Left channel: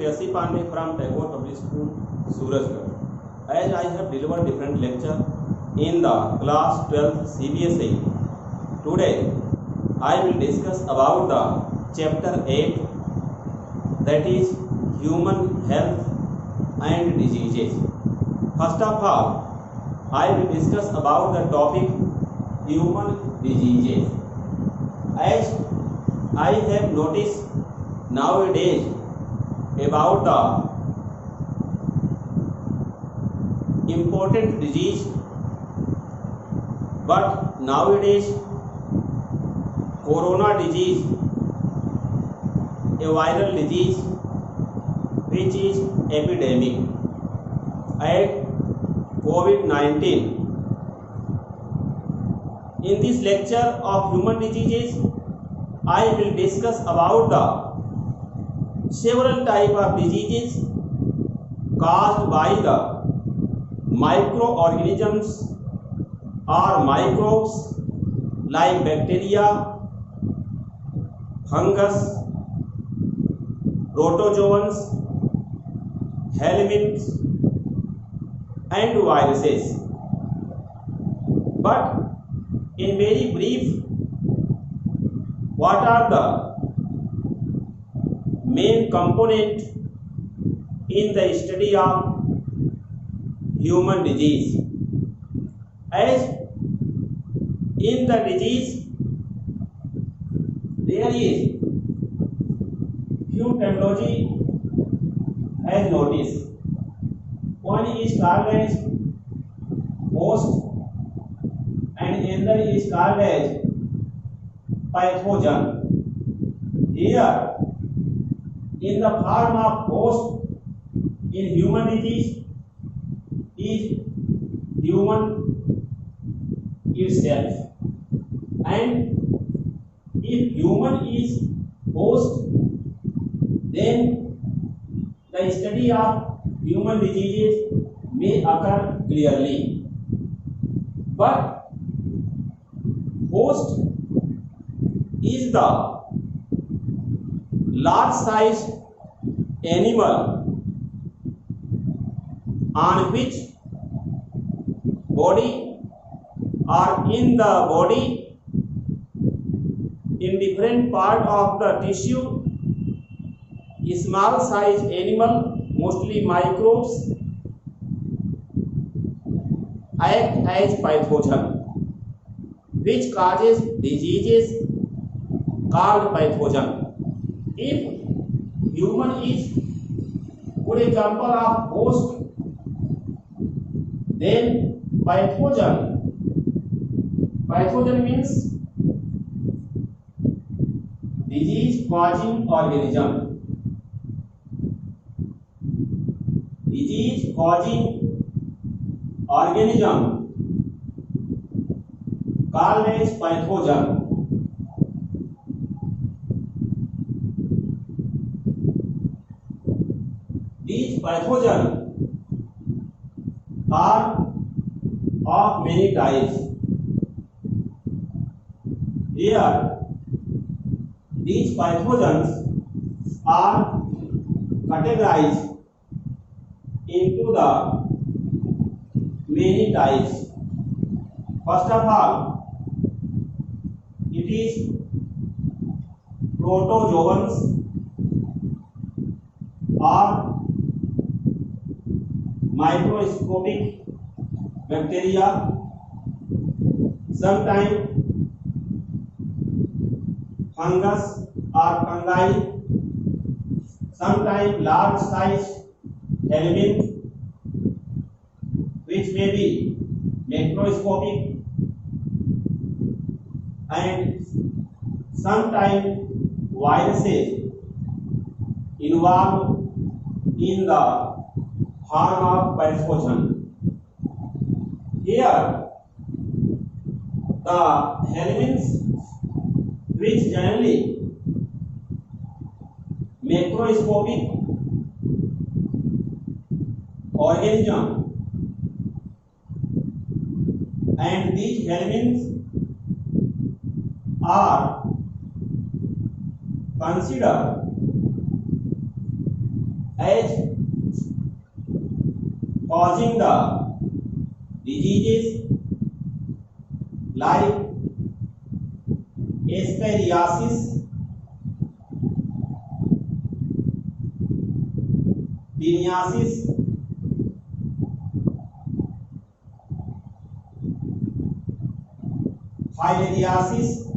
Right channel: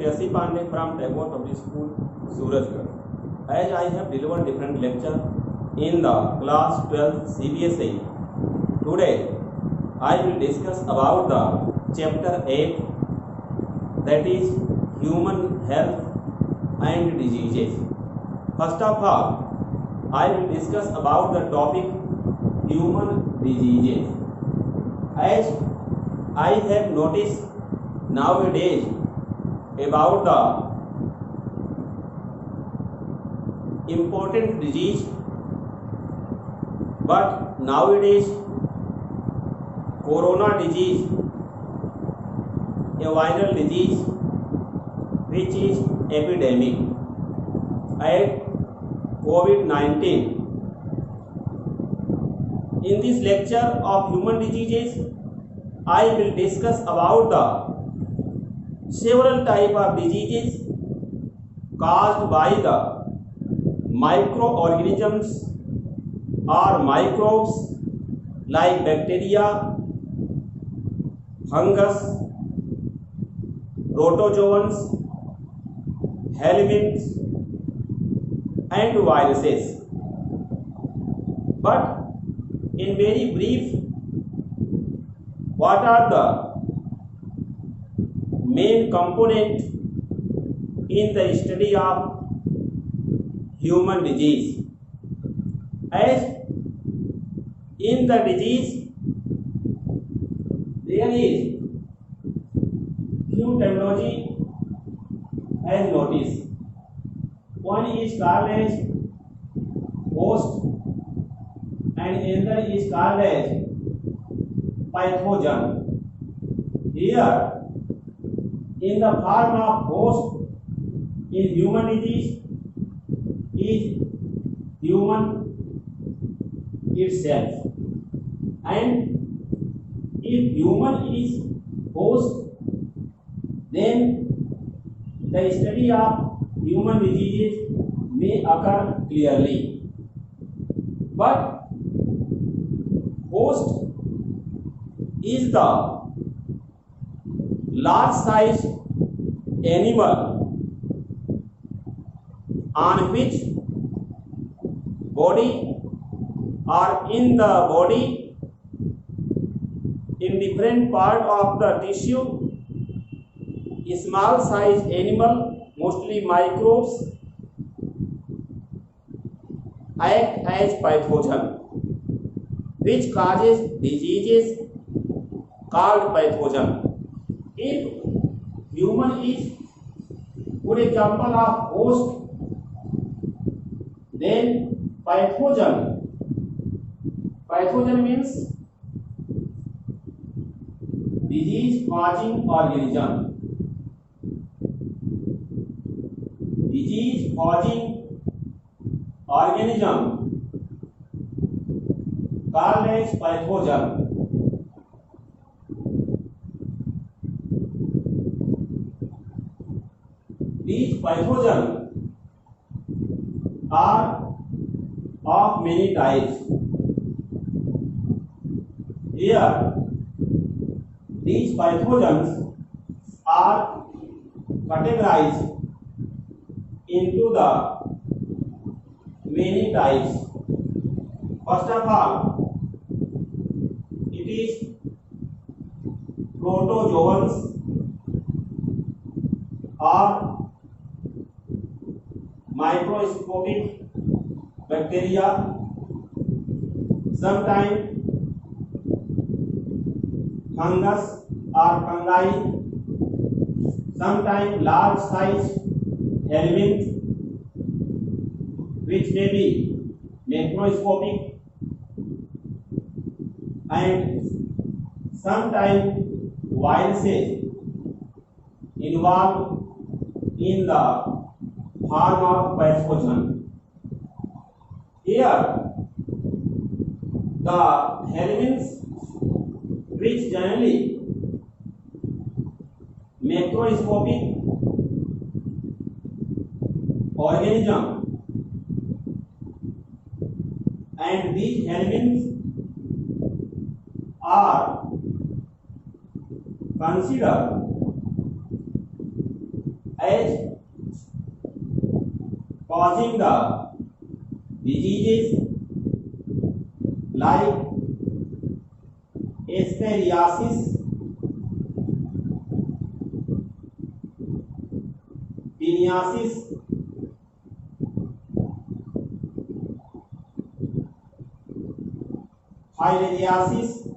Prayasi Pandey from Tagore Public School, Surajgarh. As I have delivered different lecture in the class 12th CBSE, today I will discuss about the chapter 8, that is human health and diseases. First of all, I will discuss about the topic human diseases. As I have noticed nowadays about the important disease, but nowadays corona disease, a viral disease which is epidemic, and COVID-19. In this lecture of human diseases, I will discuss about the several type of diseases caused by the microorganisms or microbes like bacteria, fungus, protozoans, helminths and viruses. But in very brief, what are the main component in the study of human disease? As in the disease, there is few terminology as noticed. One is called as host and another is called as pathogen. Here, in the form of host in human disease is human itself, and if human is host, then the study of human diseases may occur clearly. But host is the large size animal on which body or in the body, in different part of the tissue, small size animal, mostly microbes, act as pathogen which causes diseases called pathogen. If human is good example of host, then pathogen means disease causing organism. Disease causing organism called as pathogen. These pathogens are of many types. Here, these pathogens are categorized into the many types. First of all, it is protozoans or microscopic bacteria, sometimes fungus or fungi, sometimes large size helminth which may be macroscopic, and sometimes viruses involved in the form of pathogen. Here, the helminths, which generally macroscopic organism, and these helminths are considered as causing the diseases like Escherichiasis, Psoriasis, Filariasis,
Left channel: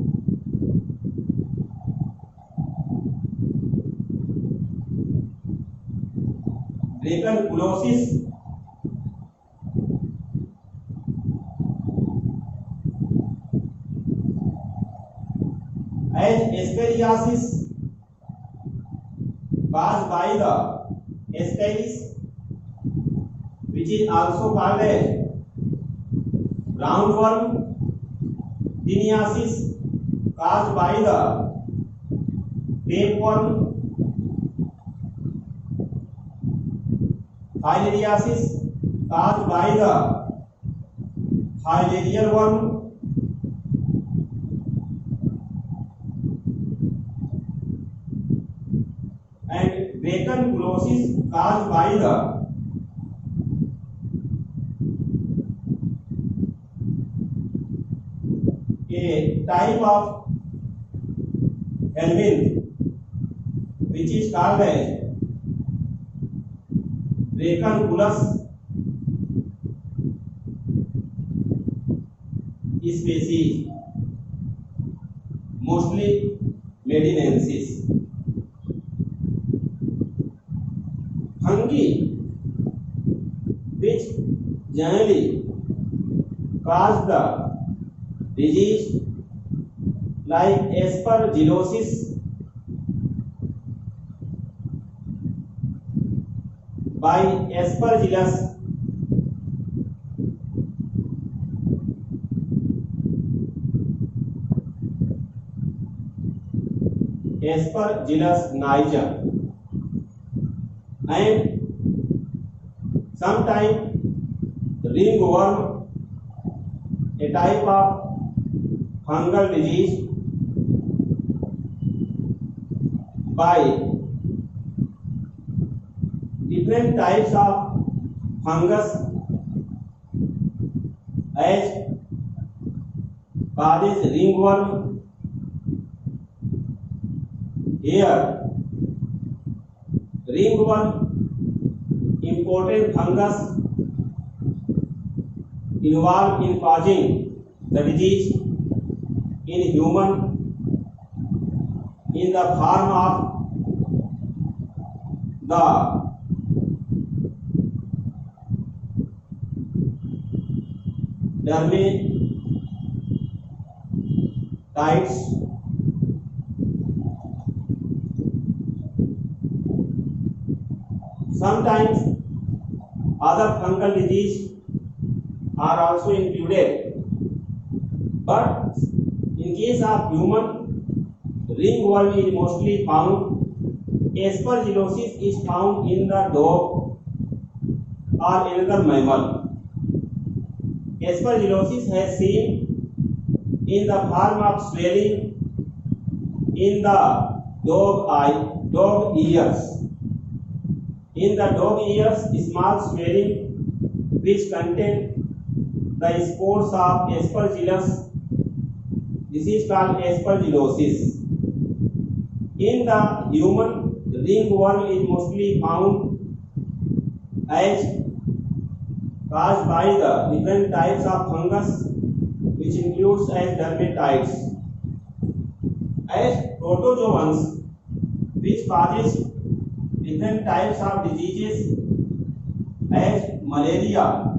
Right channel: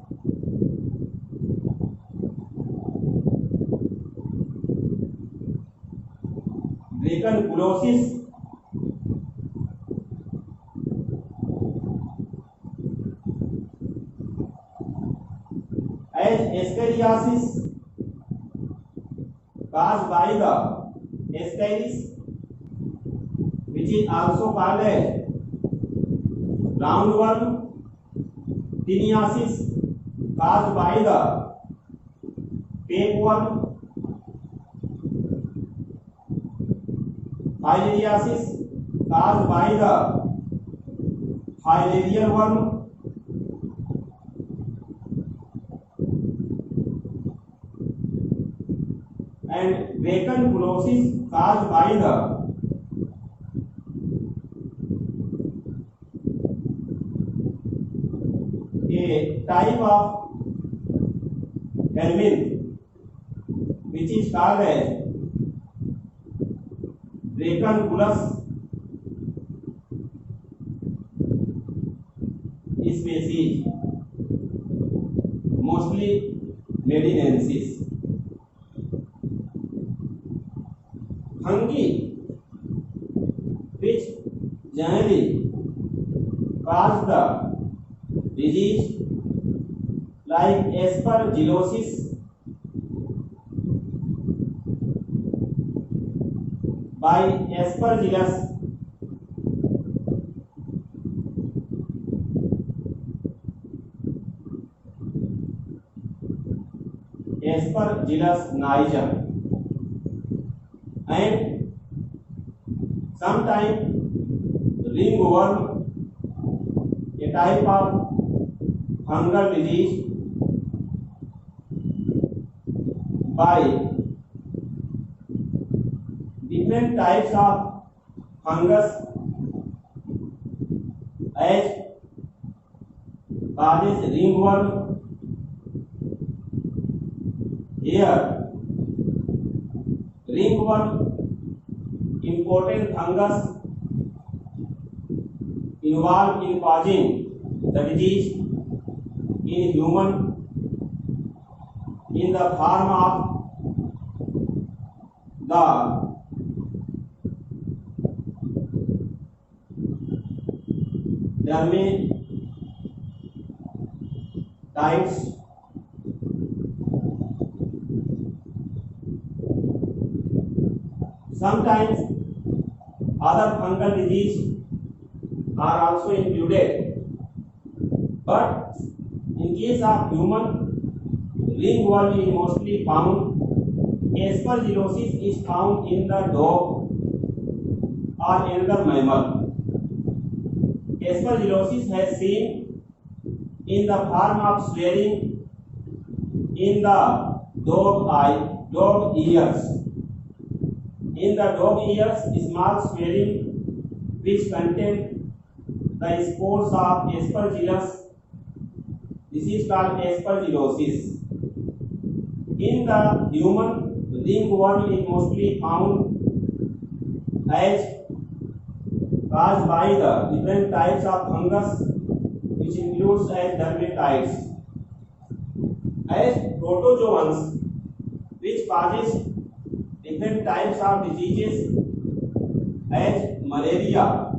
dracunculosis, as Escherichiasis caused by the Escherichia, which is also called as roundworm, Teniasis caused by the tapeworm, Filariasis caused by the filarial worm, and dracunculosis caused by the a type of helminth which is called as dracunculus species, mostly medinensis. Fungi which generally cause the disease like aspergillosis, by Aspergillus, Aspergillus niger, and sometimes ringworm, a type of fungal disease, by different types of fungus as causes ringworm. Here ringworm, important fungus involved in causing the disease in human in the form of the dermatitis, sometimes other fungal disease are also included, but in case of human, ringworm is mostly found. Aspergillosis is found in the dog or another mammal. Aspergillosis has seen in the form of swelling in the dog ears. In the dog ears, small swelling which contain the spores of Aspergillus. This is called aspergillosis. In the human, ringworm is mostly found as caused by the different types of fungus, which includes as dermatitis, as protozoans, which causes different types of diseases as malaria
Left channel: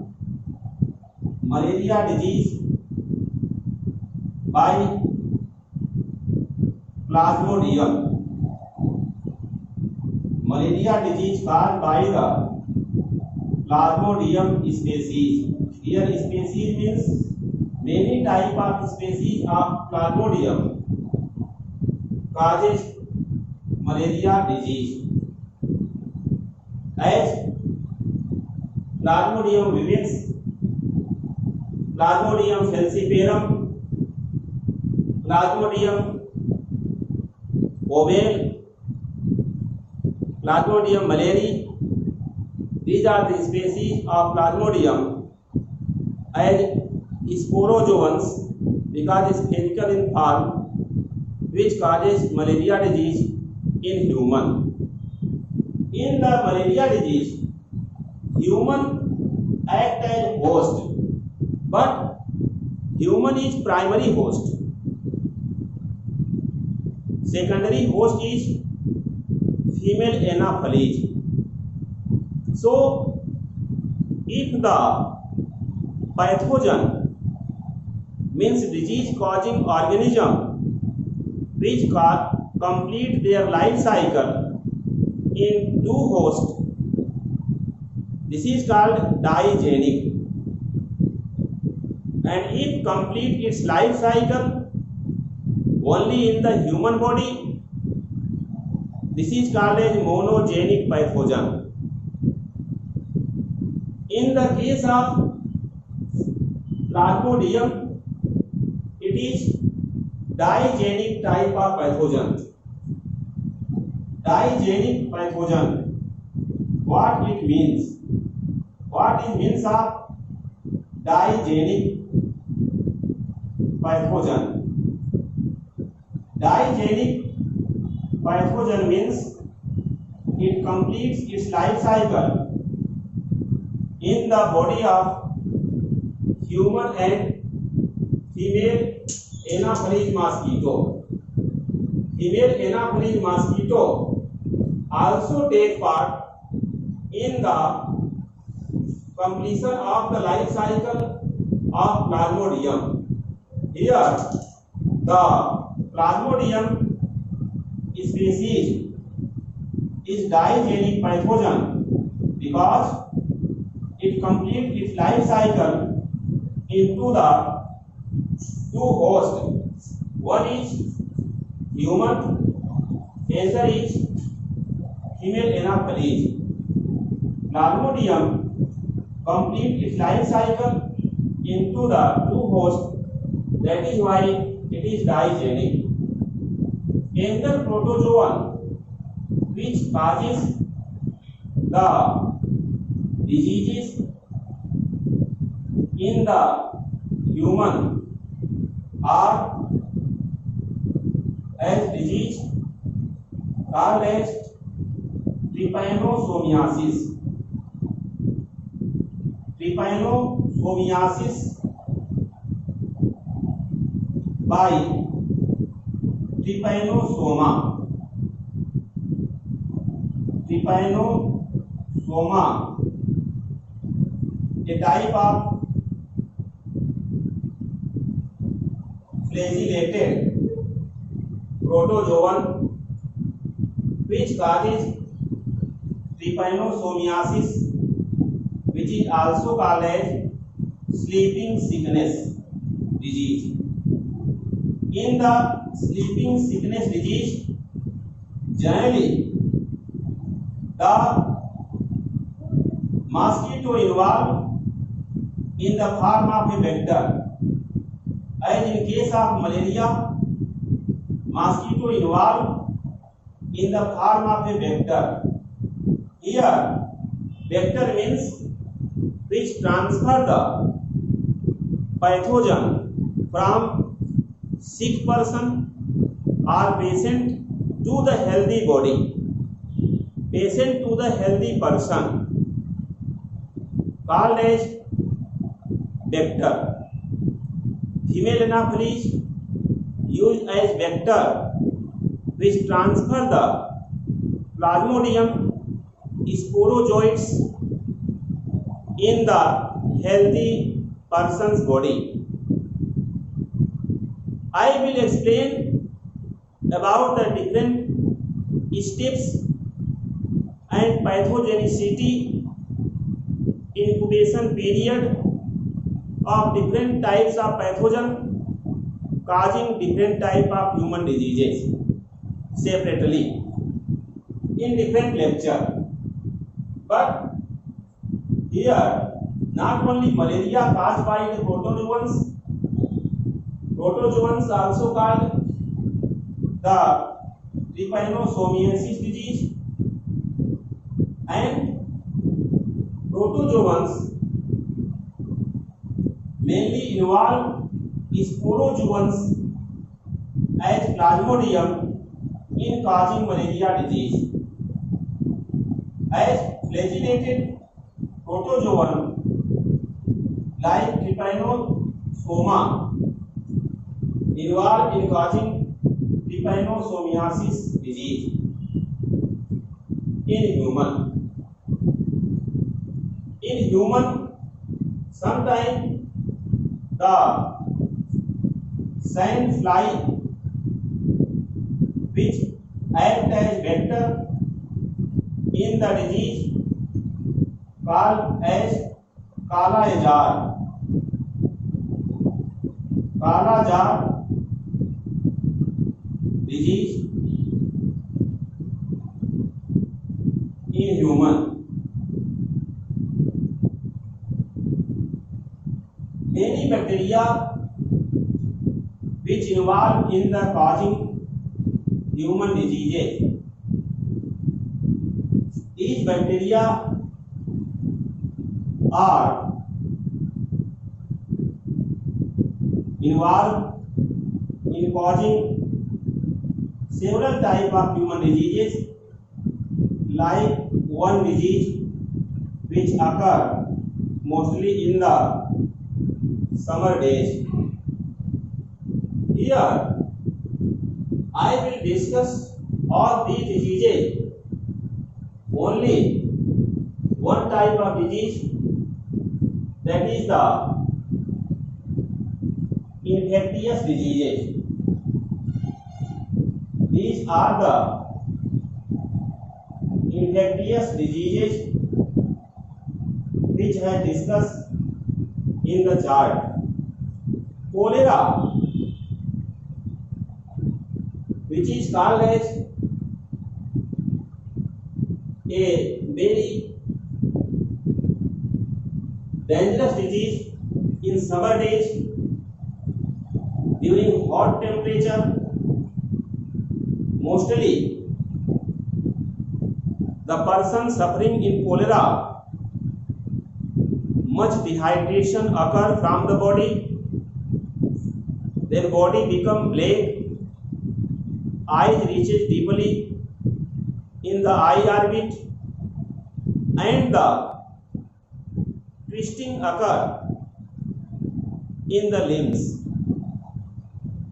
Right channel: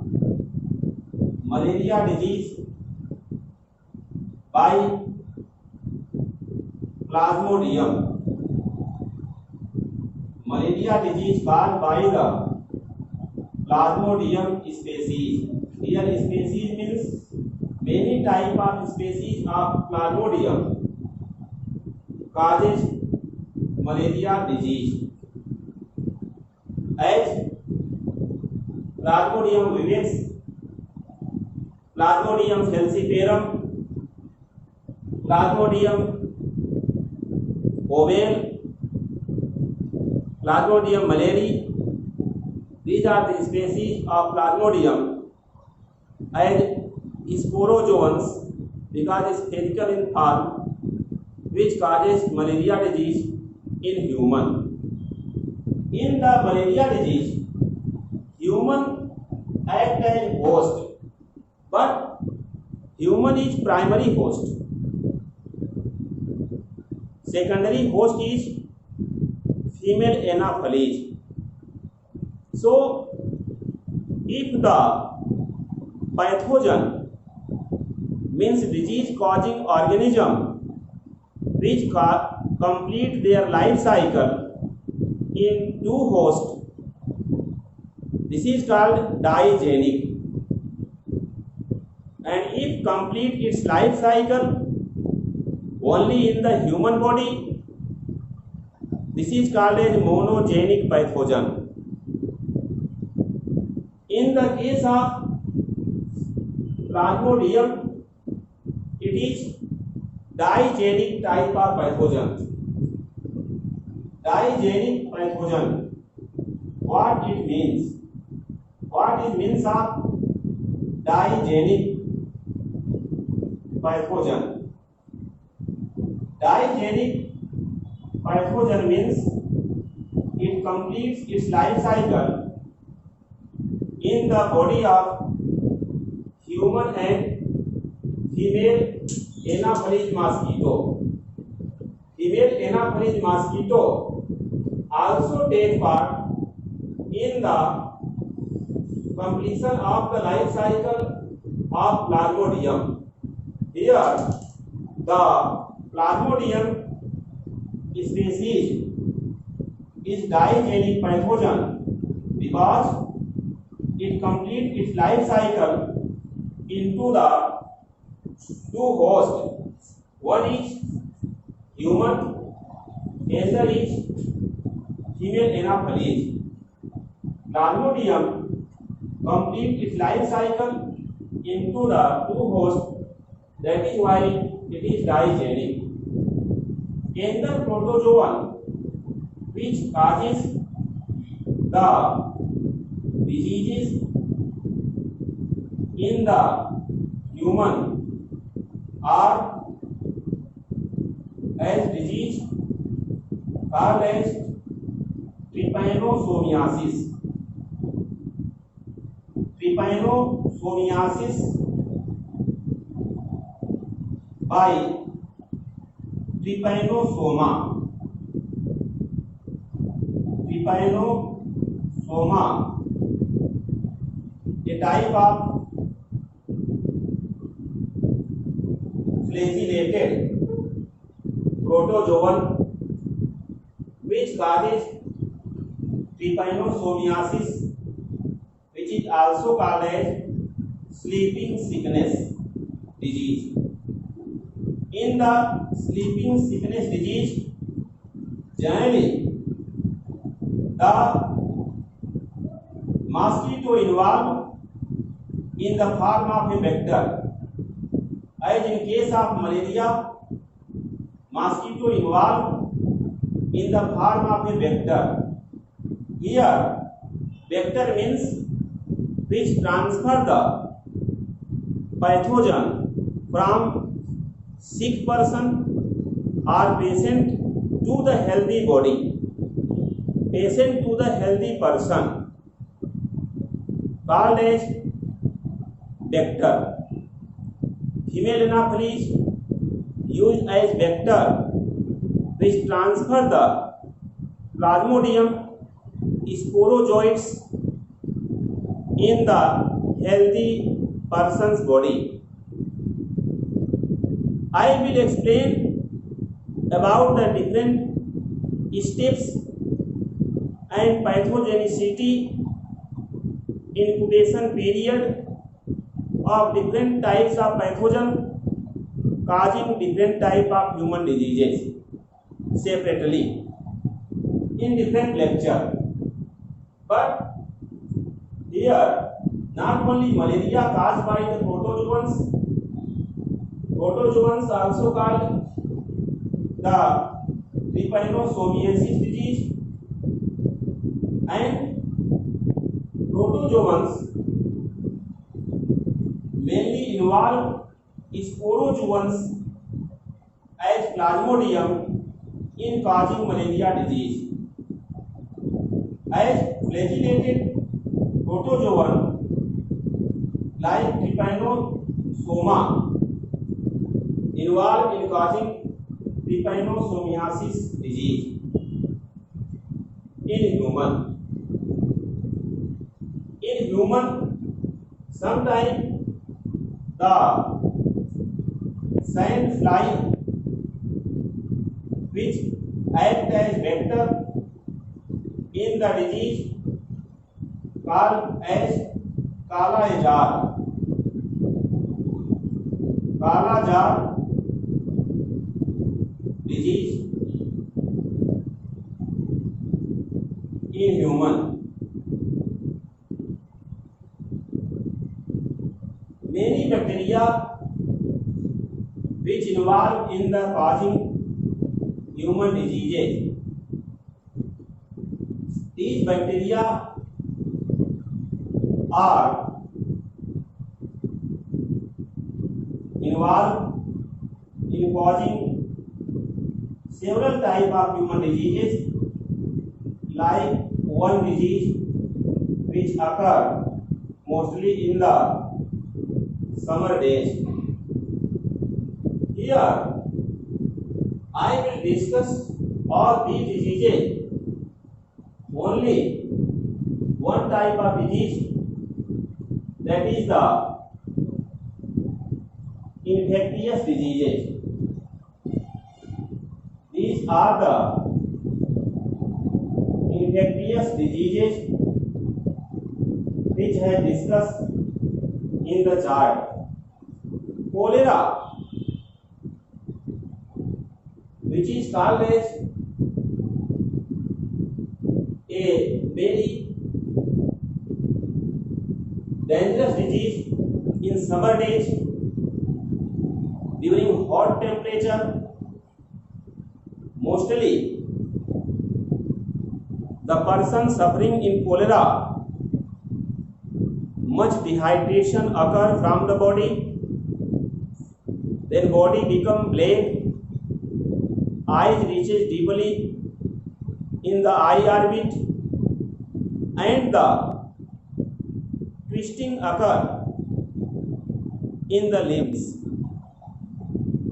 disease by Plasmodium. Malaria disease caused by the Plasmodium species. Here species means many type of species of Plasmodium causes malaria disease. As Plasmodium vivax, Plasmodium falciparum, Plasmodium ovale, Plasmodium malariae. These are the species of Plasmodium as sporozoans because spherical in form, which causes malaria disease in human. In the malaria disease, human act as host, but human is primary host. Secondary host is female Anopheles. So, if the pathogen means disease-causing organism which complete their life cycle in two hosts, this is called digenic. And if complete its life cycle only in the human body, this is called a monogenic pathogen. In the case of Plasmodium, it is digenic type of pathogen. Digenic pathogen. What it means? What is means of digenic pathogen? Digenic pathogen means it completes its life cycle in the body of human and female Anopheles mosquito. Female Anopheles mosquito also take part in the completion of the life cycle of Plasmodium. Here, the Plasmodium species is digenic pathogen because it completes its life cycle into the two hosts. One is human, another is female Anopheles. Plasmodium completes its life cycle into the two hosts. That is why it is digenic. Another protozoan which causes the diseases in the human are as disease called as trypanosomiasis. Trypanosomiasis by trypanosoma. Trypanosoma, a type of flagellated protozoan which causes trypanosomiasis, which is also called as sleeping sickness disease. In the sleeping sickness disease, generally the mosquito involved in the form of a vector. As in case of malaria, mosquito involved in the form of a vector. Here, vector means which transfer the pathogen from sick person or patient to the healthy body. Patient to the healthy person called as vector. Female Anopheles used as vector which transfer the Plasmodium sporozoites in the healthy person's body. I will explain about the different steps and pathogenicity, incubation period of different types of pathogen causing different type of human diseases separately in different lecture. But here not only malaria caused by the protozoans also called the trypanosomiasis disease, and protozoans mainly involve sporozoans as Plasmodium in causing malaria disease. As flagellated protozoan like Trypanosoma involved in causing trypanosomiasis disease in human. In human, sometimes the sand fly which act as vector in the disease called as Kala jar disease in human. Many bacteria which involve in the causing human diseases. These bacteria are involved in causing several types of human diseases, like one disease which occur mostly in the summer days. Here I will discuss all these diseases. Only one type of disease, that is the infectious diseases. These are the infectious diseases which I discussed in the chart. Cholera, which is called as a very dangerous disease in summer days during hot temperature. Mostly the person suffering in cholera, much dehydration occur from the body, their body become black, eyes reaches deeply in the eye orbit, and the twisting occur in the limbs,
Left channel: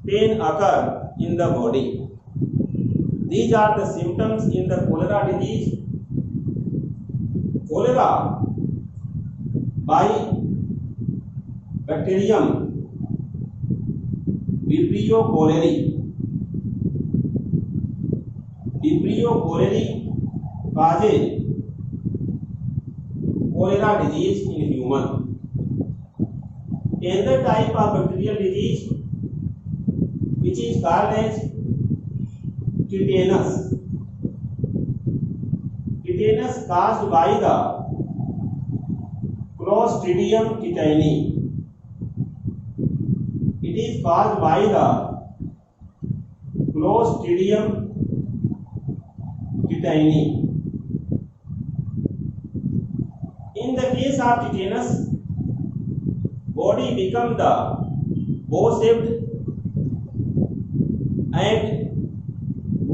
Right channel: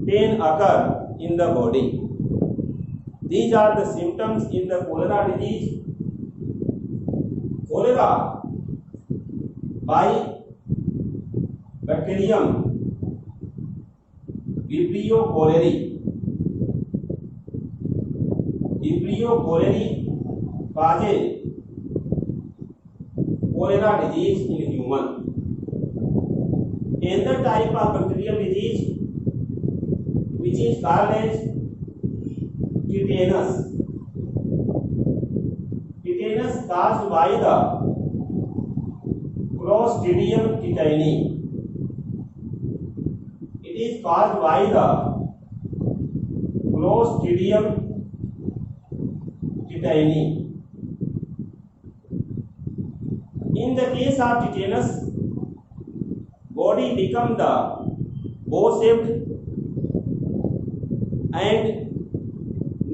pain occur in the body. These are the symptoms in the cholera disease. Cholera by bacterium Vibrio cholerae. Vibrio cholerae causes cholera disease in human. Another type of bacterial disease which is called as tetanus. Tetanus caused by the Clostridium tetani. It is caused by the Clostridium tetani. In the case of tetanus, body becomes the bow-shaped and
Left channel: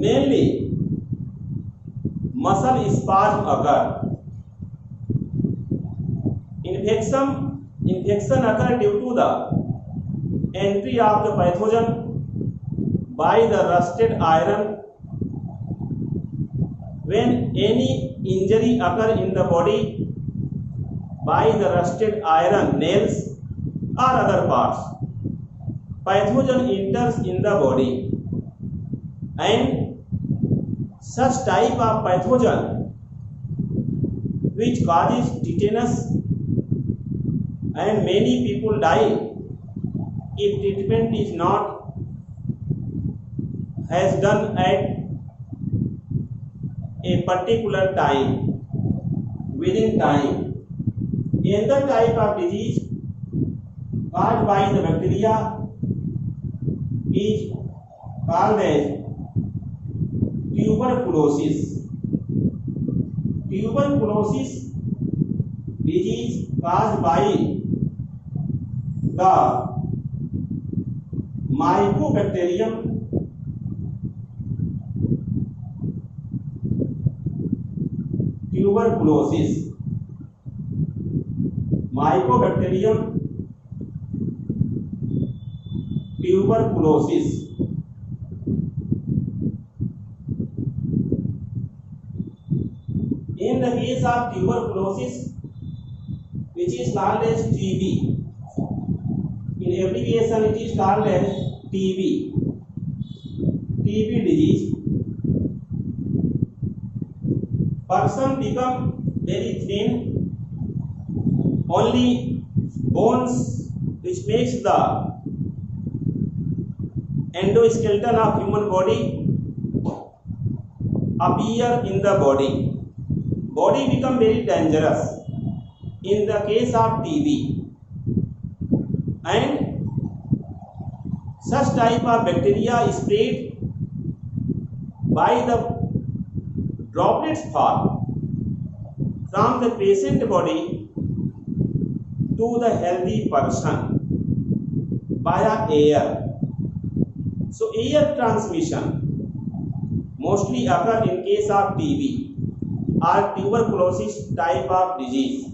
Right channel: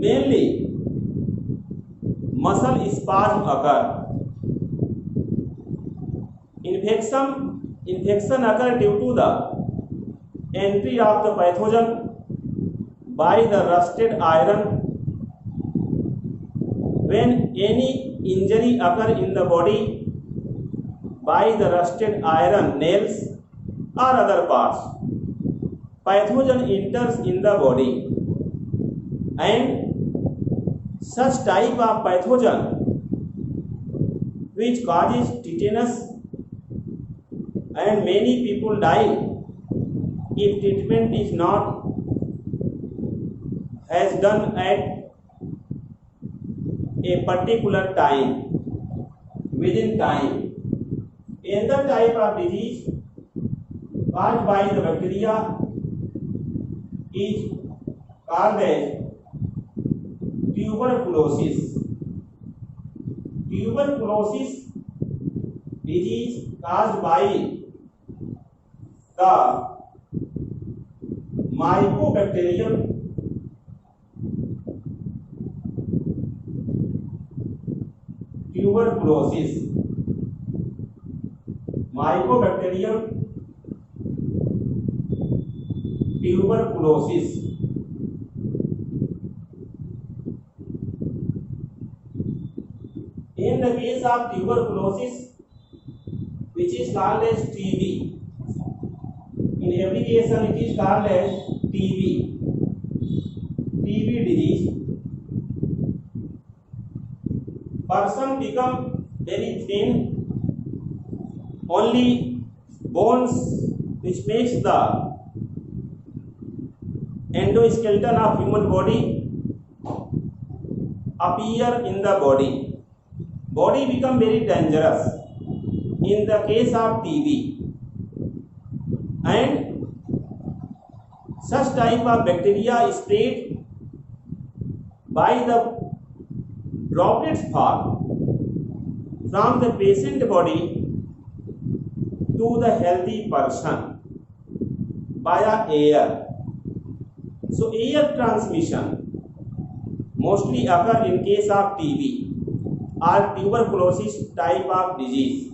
mainly muscle spasm occur. Infection occur due to the entry of the pathogen by the rusted iron. When any injury occur in the body by the rusted iron nails or other parts, pathogen enters in the body, and such type of pathogen which causes tetanus, and many people die if treatment is not has done at a particular time, within time. Another type of disease caused by the bacteria is called as tuberculosis. tuberculosis disease caused by the mycobacterium tuberculosis. Mycobacterium tuberculosis. In the case of tuberculosis, which is called as TB, in abbreviation it is called as TB, TB disease, person become very thin, only bones which makes the endoskeleton of human body appear in the body. Body become very dangerous in the case of TB, and such type of bacteria spread by the droplets fall from the patient body to the healthy person via air. So air transmission mostly occur in case of TB or tuberculosis type of disease.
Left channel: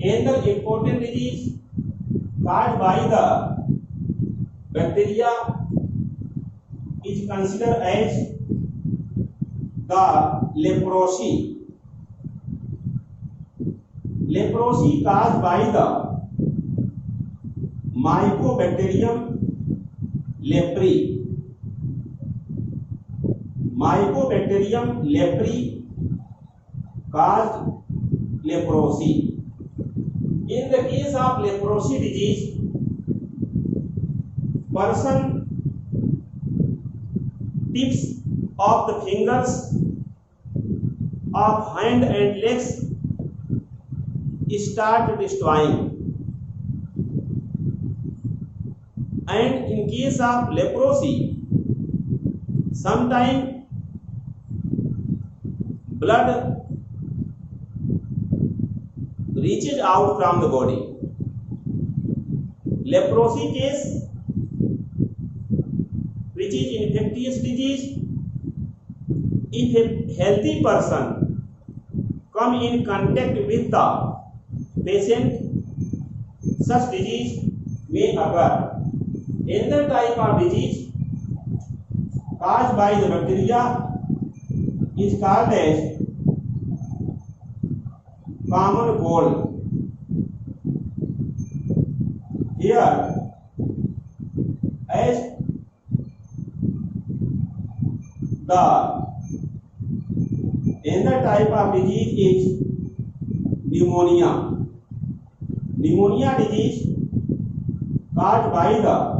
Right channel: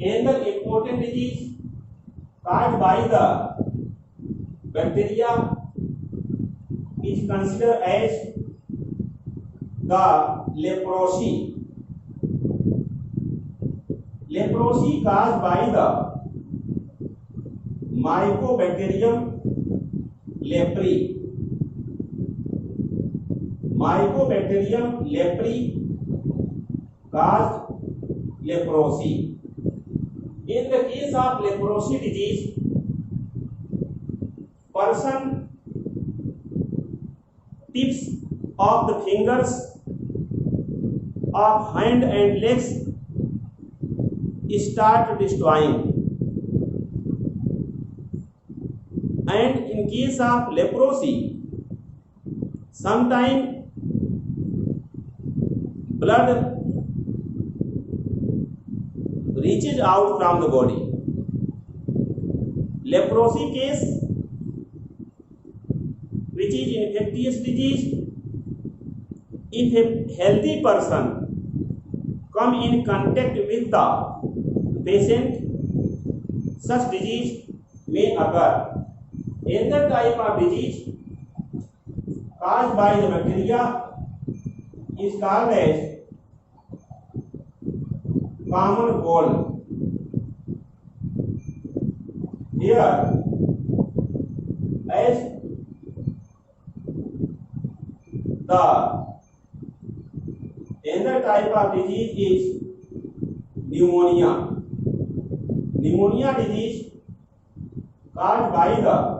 Another important disease caused by the bacteria is considered as the leprosy. Leprosy caused by the Mycobacterium leprae. Mycobacterium leprae caused leprosy. In the case of leprosy disease, person tips of the fingers of hand and legs start destroying, and in case of leprosy, sometimes blood reaches out from the body. Leprosy case, which is infectious disease, if a healthy person come in contact with the patient, such disease may occur. Another type of disease caused by the bacteria is called as common cold. Here, as the another type of disease is pneumonia. Pneumonia disease caused by the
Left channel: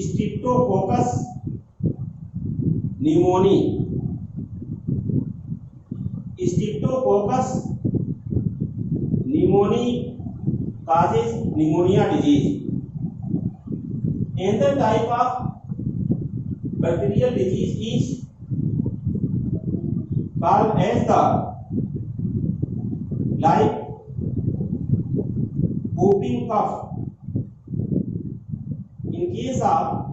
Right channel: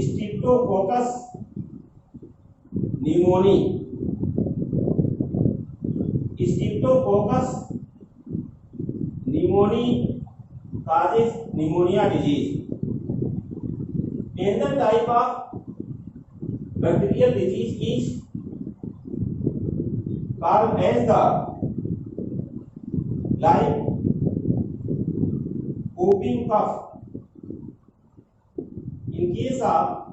Streptococcus pneumoniae. Streptococcus pneumoniae causes pneumonia disease. Another type of bacterial disease is called as the whooping cough. In case of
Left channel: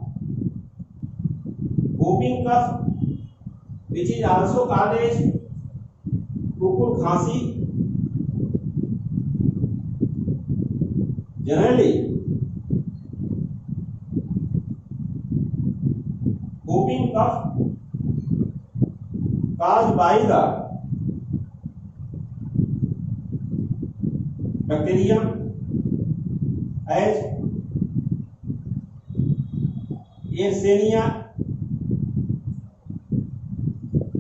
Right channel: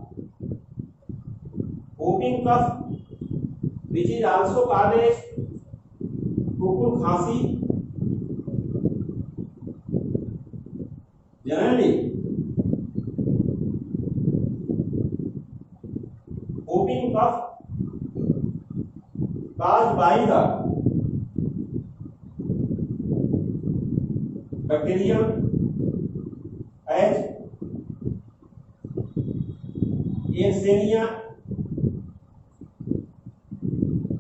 whooping cough, which is also called as कुकुर खांसी, generally whooping cough caused by the bacterium as Yersinia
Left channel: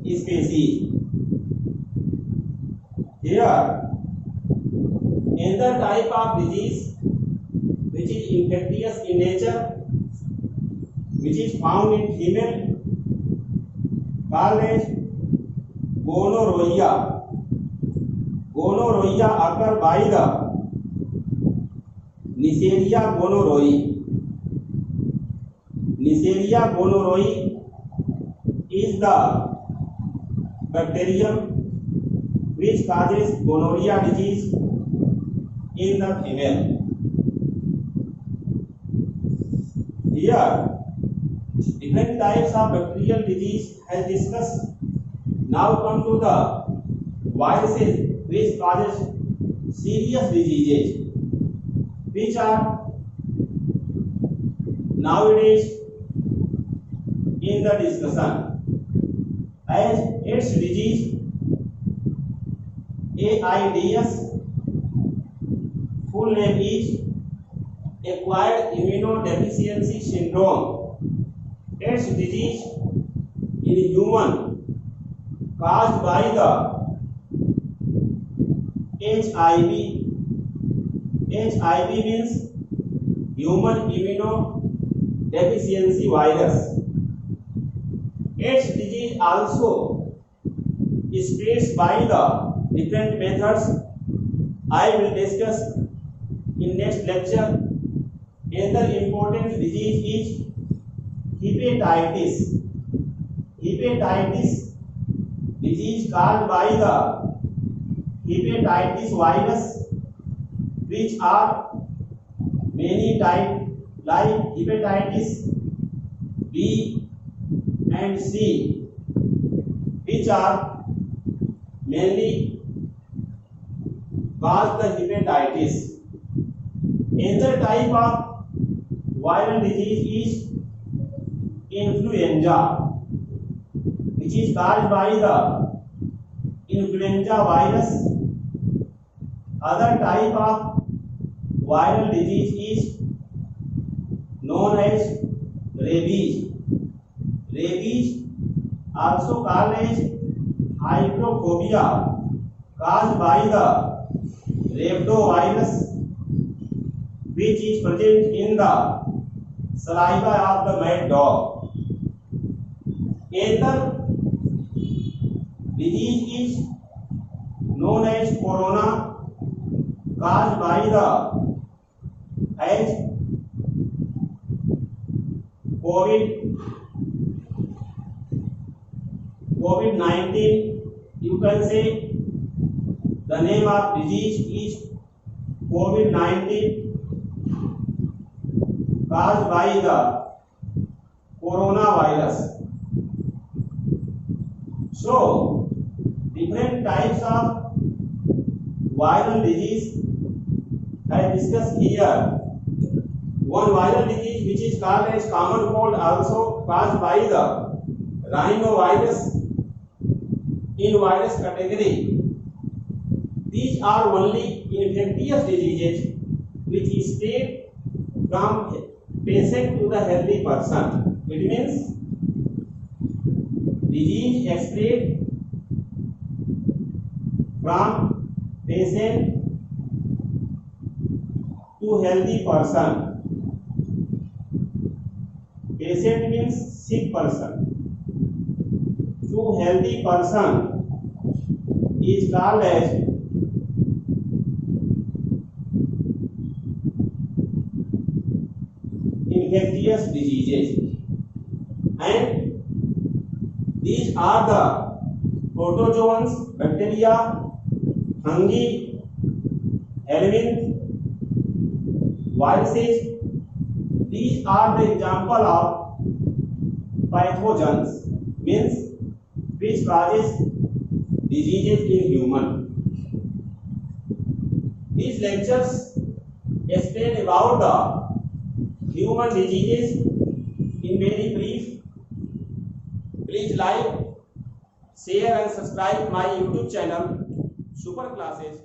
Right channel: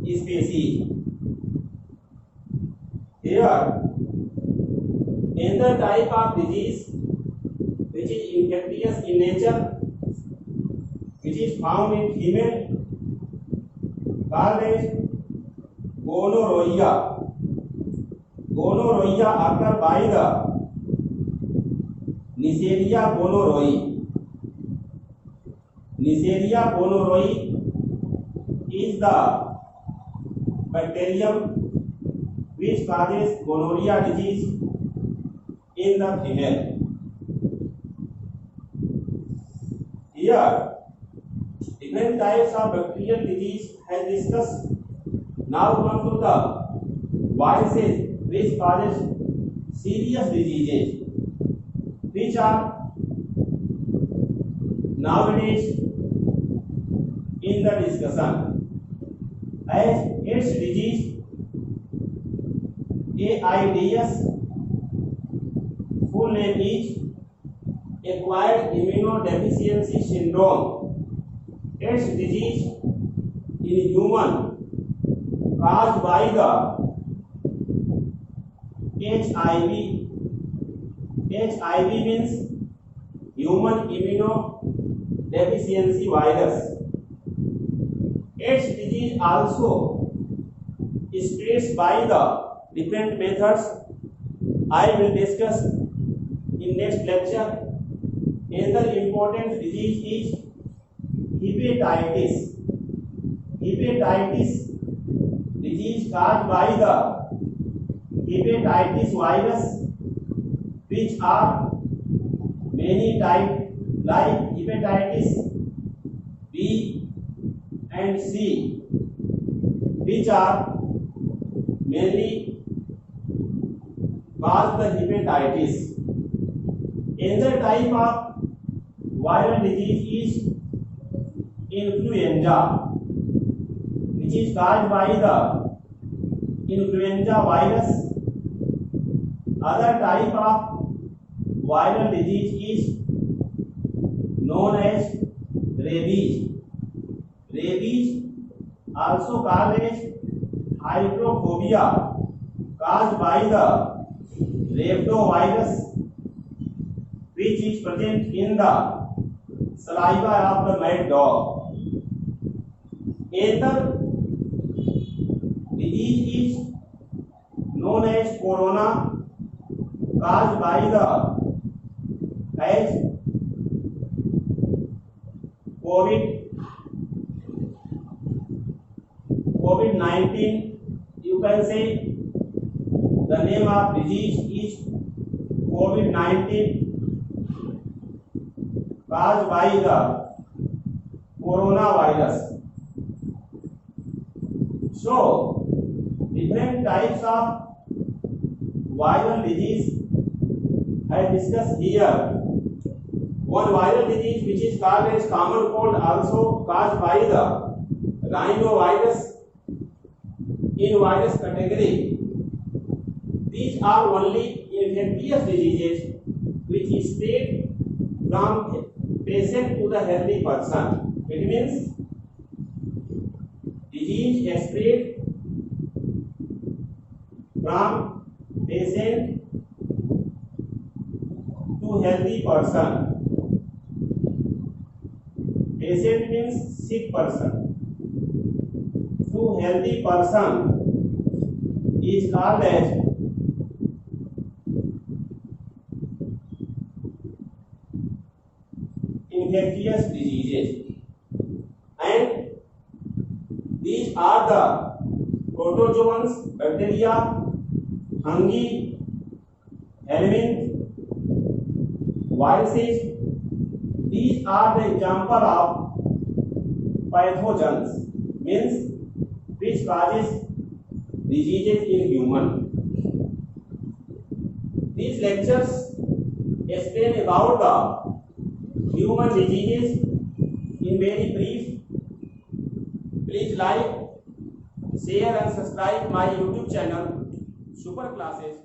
species. Here, another type of disease which is infectious in nature, which is found in female, called as gonorrhea. Gonorrhea occur by the Neisseria gonorrhoeae. Neisseria gonorrhoeae is the bacterium which causes gonorrhea disease in the female. Here, different types of bacterial disease has discussed. Now come to the viruses which causes serious diseases, which are nowadays in the discussion. As AIDS disease, AIDS, full name is acquired immunodeficiency syndrome. AIDS disease in human caused by the HIV. HIV means human immunodeficiency virus. AIDS disease also spreads by the different methods. I will discuss in next lecture. Another important disease is hepatitis. Hepatitis disease caused by the hepatitis virus, which are many types like hepatitis B and C, which are mainly cause the hepatitis. Another type of viral disease is influenza, which is caused by the influenza virus. Other type of viral disease is known as rabies. Rabies, also called as hydrophobia, caused by the rhabdovirus, which is present in the saliva of the mad dog. Another disease is known as corona, caused by the COVID-19. You can say the name of disease is COVID-19, caused by the coronavirus. So, different types of viral disease I discussed here. One viral disease which is called as common cold, also caused by the rhinovirus in virus category. These are only infectious diseases which spread from patient to the healthy person. It means disease spread from patient to healthy person. Patient means sick person. To healthy person is called as infectious diseases, and these are the protozoans, bacteria, fungi, helminths, viruses. These are the example of pathogens, means which causes diseases in human. These lectures explain about the human diseases in very brief. Please like, share and subscribe my YouTube channel Super Classes.